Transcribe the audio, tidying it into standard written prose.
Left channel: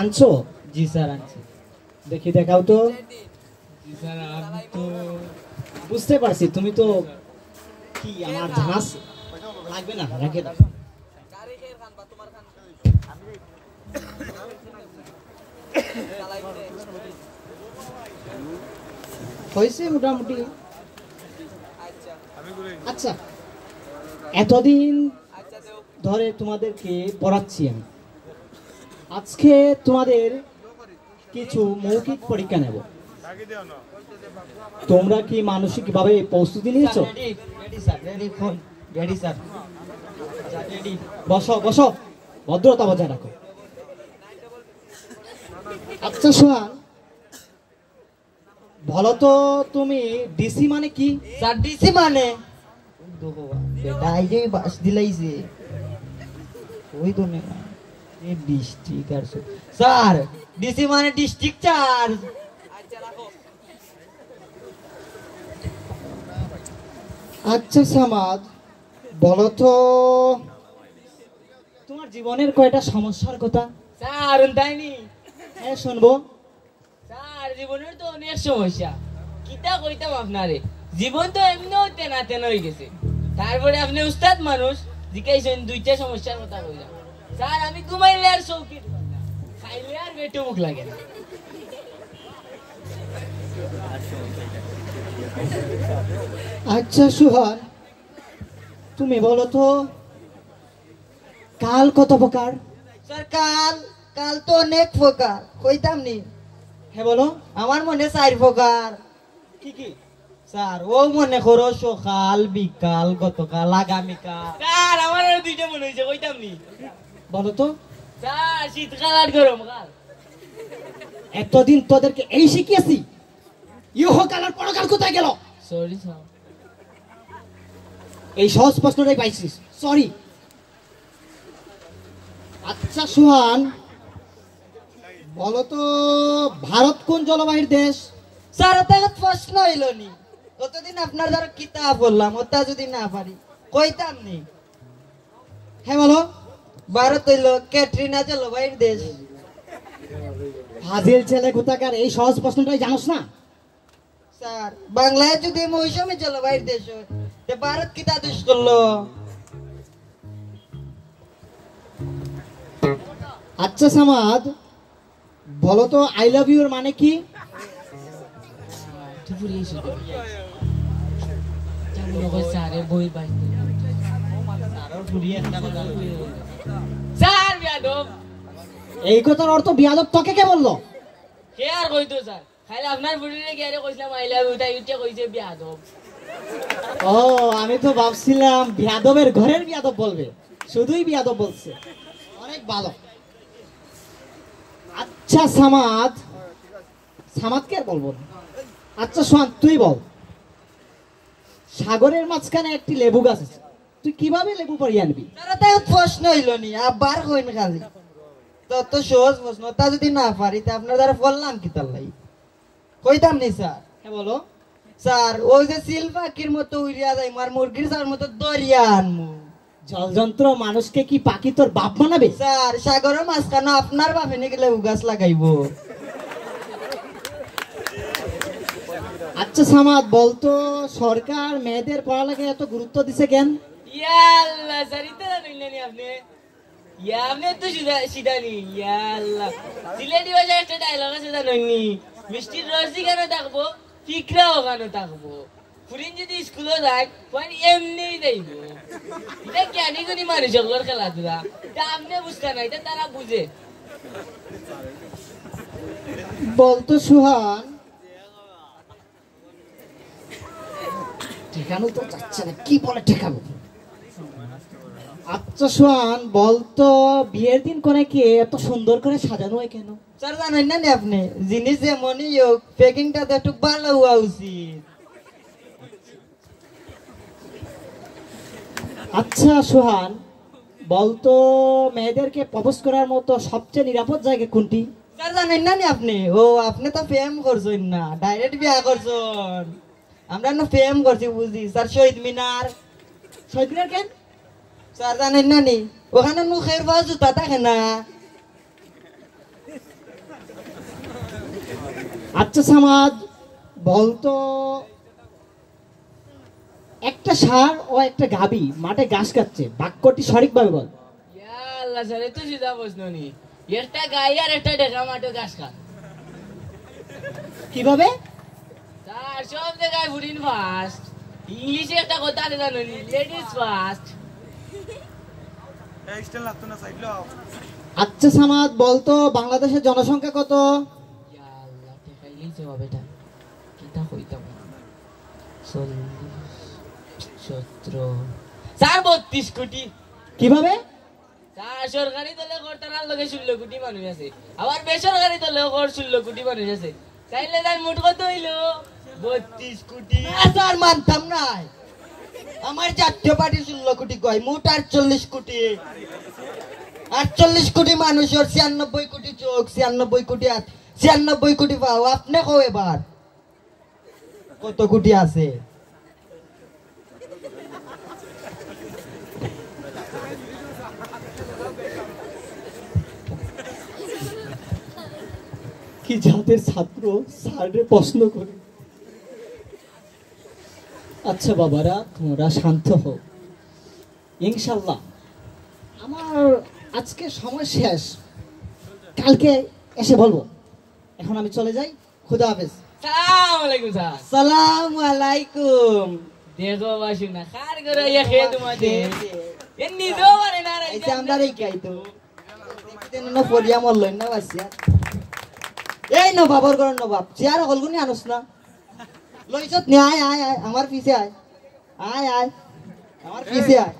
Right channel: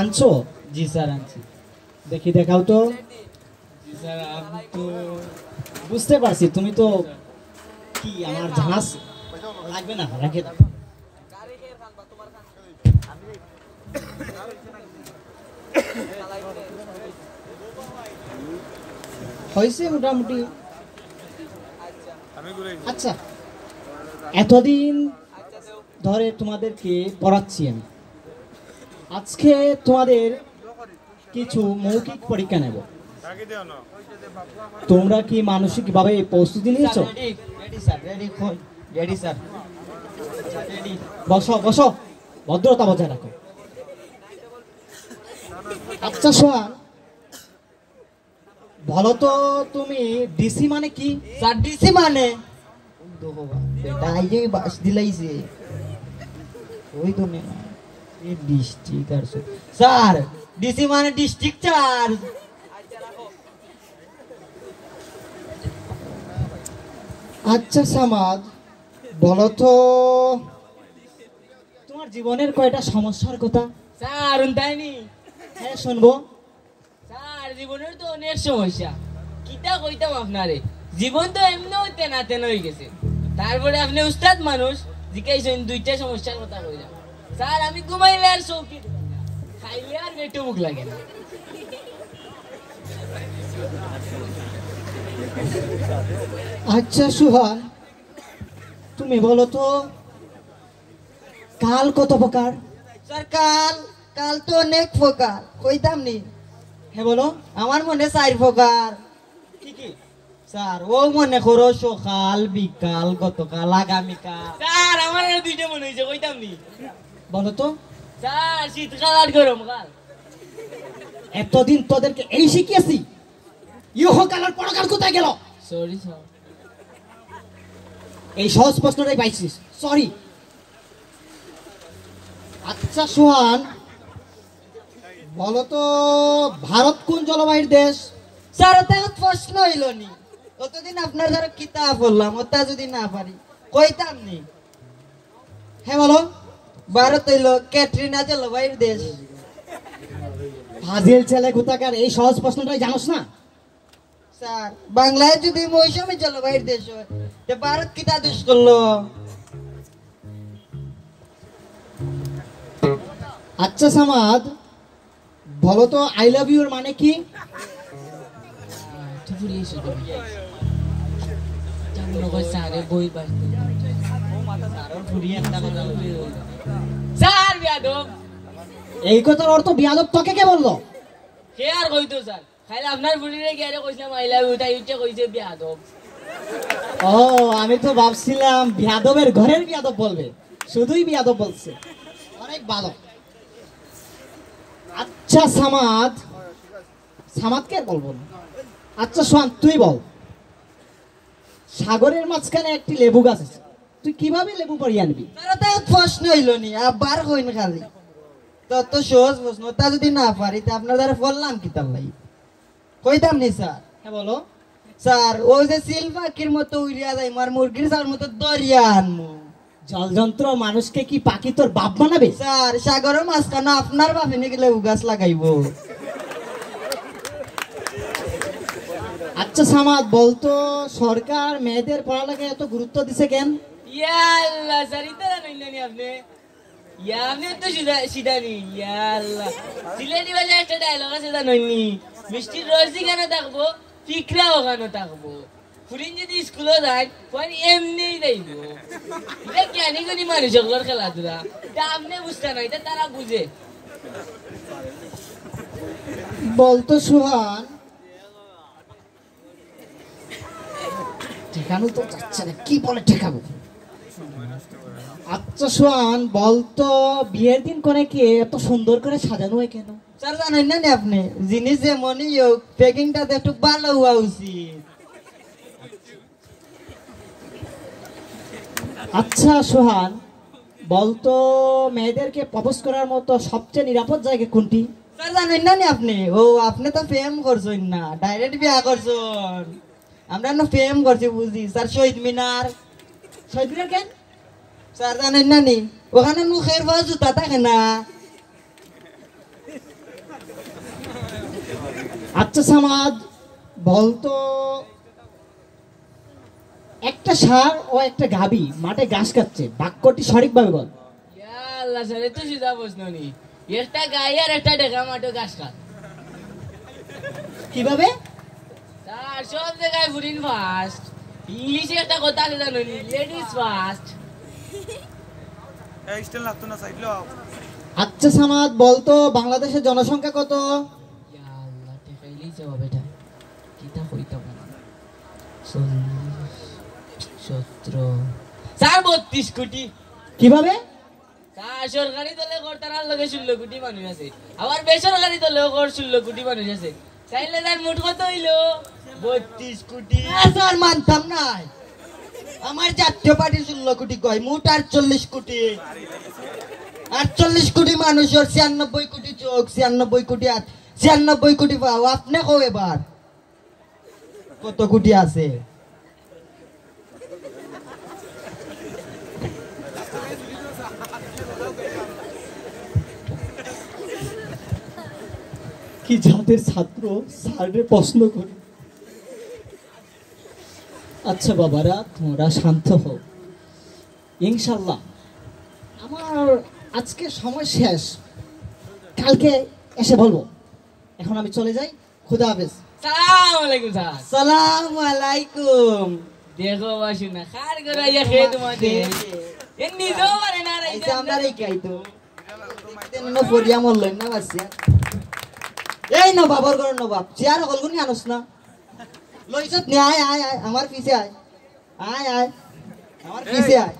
আনছো? জি স্যার আনছি। দেখি দেখাও তো। জি স্যার আমি তো বুঝতে পারছি তুমি তো কি আমার জাহাজ লাগবে না, রাখে দাও। হয়েছে মোটামুটি। আচ্ছা, এতদিন ধরে তোমাদেরকে পড়াচ্ছি আমি, আজকে তোমাদের কিছু মৌখিক পরীক্ষা নেব। তোমরা কি মানসিকভাবে প্রস্তুতি নিয়েছো? Ready sir, ready phone ready sir, ready. বসো বসো, ভদ্রতা বজায় রাখো। আচ্ছা সোহান, বলো তো তুমি ডিসি মানে কি? স্যার ডিসি মানে ডাইরে বাস দিলাইছে ওই তো না এই ডিস্ট্রিক্ট আর স্যার ডিসি মানে ডিস্ট্রিক্ট চার্জ। আচ্ছা সামাদ, বলো তো তোমার জীবনের কয়টা সমস্যার কথা? স্যার তাইনি হ্যাঁ শুনবো। স্যার জীবনের তো অনেক সমস্যা, কিতা কইতাম আপনারে, জীবন তো এমনিও তেনা তেনা হয়ে গেছে, তারপরে আপনি উস্তাদ মানুষ জিজ্ঞাসেন দুইটা সমস্যার কথা কইলাম। স্যার আমি ঘুমাইলে আর চৌকি খাইলে আর পেটে মুখ লাগে না। আচ্ছা সুহান, তুমি বলো তো কাল কত প্রকার? স্যার কাল কাল তো অনেক প্রকার, কইতাম নি। হ্যাঁ বলো। আমার মনে 4 প্রকার। কি কি? স্যার ও মনে করো সকাল বিকাল গতকাল আগামীকাল। স্যার আমার আর দুইটা মনে হইছে, কইতাম নি। বলো তো। স্যার শীতকাল আর গরমকাল। এতদিন তোদেরকে এই শিখিয়েছি, ইহকাল আর পরকাল কোথায় গেল? Sorry sir. এই সহজ প্রশ্নটাই পাইছিস, সরি। আচ্ছা সোহান, বলো তো ভারত কোন জলবায়ুর দেশ? স্যার ওটা প্রশ্ন হইল নি, কতদিন আপনার দ্বারা কিতাব বললাম, ওটা যদি না পারি কইতাম নি। হ্যাঁ বলো। ভারত হইল ক্যাটরিনা জলবায়ুর দেশ। হাজির ছেলে কোথাকার, এই সহজ প্রশ্নটাই জানোস না? স্যার বাংলায় যদি মৌসুমী জলবায়ুর দেশ হয় তো ভারত কিতা দেশ করলো? আচ্ছা সামাদ, বলো তো আই লাভ ইউ এর মানে কি? এই কথার অর্থ বিয়াদব তোকে কে বললো? কে আর কইতো স্যার, খাইলে আপনার বুড়িরে গিয়ে কইছিলাম আই লাভ ইউ, তাই উঠে কইছে বিয়াদব। ও, আমি তো ভাবছিলাম বিয়াদবের ঘরের বিয়াদব বলবে, শুধুই বিয়াদব বলছে। অনেক ভালো। আচ্ছা সামাদ, সামাদকে আর বলবো না। আচ্ছা সোহান তুই বল, সাগরের মাঝখানে একটি লেবু গাছ আছে, তুই কিভাবে লেবু পাড়িয়ে আনবি? আর তাই প্রশ্ন হইল নি, আবার কইন খালি তো সহজ প্রশ্ন, তা যদি না পারি তা আপনার দ্বারা বললাম কি তার লাই কইতাম নি স্যার। হ্যাঁ বলো। স্যার ওই যে সিল পাখির মতো উড়িয়া যায়, মার মুরগির স্যার মতো দরিয়া আনমু। জলযন্ত্র মানুষকে কি পাখি তোর বাপ বানাবে? স্যার সাগরের মাঝখানে আপনার বাপে নিয়ে গেলে গাছ লাগাইবো। আচ্ছা সামাদ, বলতো সরকার মেয়েদের পড়ালেখায় এত গুরুত্ব দিছে কেন? ইয়াল্লাহ স্যার ইতা নইলেনি আপনি, ইয়া আপনি তো সিধানি ইয়াল্লাহ। সিলেটি ভাষায় একটা ডায়লগ আছে জানেননি, মিষ্টির রসি কেন থাকবো ফিকরা ওখানে থাকবো, ফুরিন যদি স্কুলে যায় কোন এমনি যাইব। এটা জ্ঞানী গুণী মানুষের খেলাধুলা, তা আপনি বুঝতে না, এটা তারা বুঝে। বলতো সুহান, ঠেকানো তো যাচ্ছে না, কি বলে ঠেকাবো? আচ্ছা সোহান, বলতো বিয়ের দিন করে কি এত সুন্দর করে সাজানো হয় কেন? স্যার জানেন না আপনি, জিনিস যেমনই হোক প্যাকিংটা একটু ভালো হওয়া উচিত। আচ্ছা সোহান, বলতো মেয়েদেরকে প্রপোজ করার মতো সবচেয়ে নিরাপদ জায়গা কোনটি? স্যার জানেন না আপনি, ও আপনি তো প্রেম করছেন না, ডাইরেক্ট বিয়া করছেন। আমরা না প্রেম করছি বুঝি স্যার, শহীদ মিনার। শহীদ মিনার কেন? স্যার জানেন না নি, ওখানে মুখের বা জুতা থাকে না। আচ্ছা সামাদ বলতো, একটা ষাঁড় ও একটা গাভী মাঠে ঘাস খাচ্ছে, বাক্যটি সঠিকভাবে বল। ইয়া আল্লাহ স্যার এত সিধা প্রশ্ন নি। একটা গাই আর একটা ডেকা মাঠে ঘাস খা। কিভাবে? তার সব জায়গায় ফুরিন ফার্স্ট। ইংলিশে একটা কথা আছে জানো নি, লেডিস ফার্স্ট। আচ্ছা সামাদ বলতো, বাংলাদেশের জনসংখ্যা কত? ইয়া আল্লাহ দেখাইলেই জবাব এটা। কিটা কইতাম? 17 স্যার 32 কোটি। কিভাবে? তার সরকারি দলে করতার লগে 16 কোটি মানুষ আছে, আবার বেসরকারি দলেও 16 কোটি মানুষ আছে। তাইলে তার মোট কত হইলো? 32 কোটি। স্যার মানতাম না, আমার জাতীয় পার্টি 16 কোটি কয়, মোট 48 কোটি। 48 কোটি মানুষের 96 কোটি চোখ, 96 কোটি হাত, 96 কোটি পাও। আপনি কো এবার কত কোটি আছে? কি জাতের ছাত্র স্যারের প্রশ্ন করে। আচ্ছা বাবারা, তোমরা শান্ত হও, ইনশাল্লাহ আমার আজকে সময় শেষ, কালকে এসে বলবো। এখন আমি চলে যাই, খুদা হাফেজ। সালাম আলাইকুম স্যার। সালাম আলাইকুম। দেখো বাসু না কার করে ইয়া খেয়ে তোমাদের এমনি তো পারে না এই যে আমরা রেখাই তো দেখতে নো পড়িয়া মরলেন না বাসিয়া। এই নো বাবর ঘর নবাব চেয়ার হলগুনি আনস না লইছত নি। আয় আয় আয় আমার পিছে আয়, আয় আয় আমার পিছে আয়।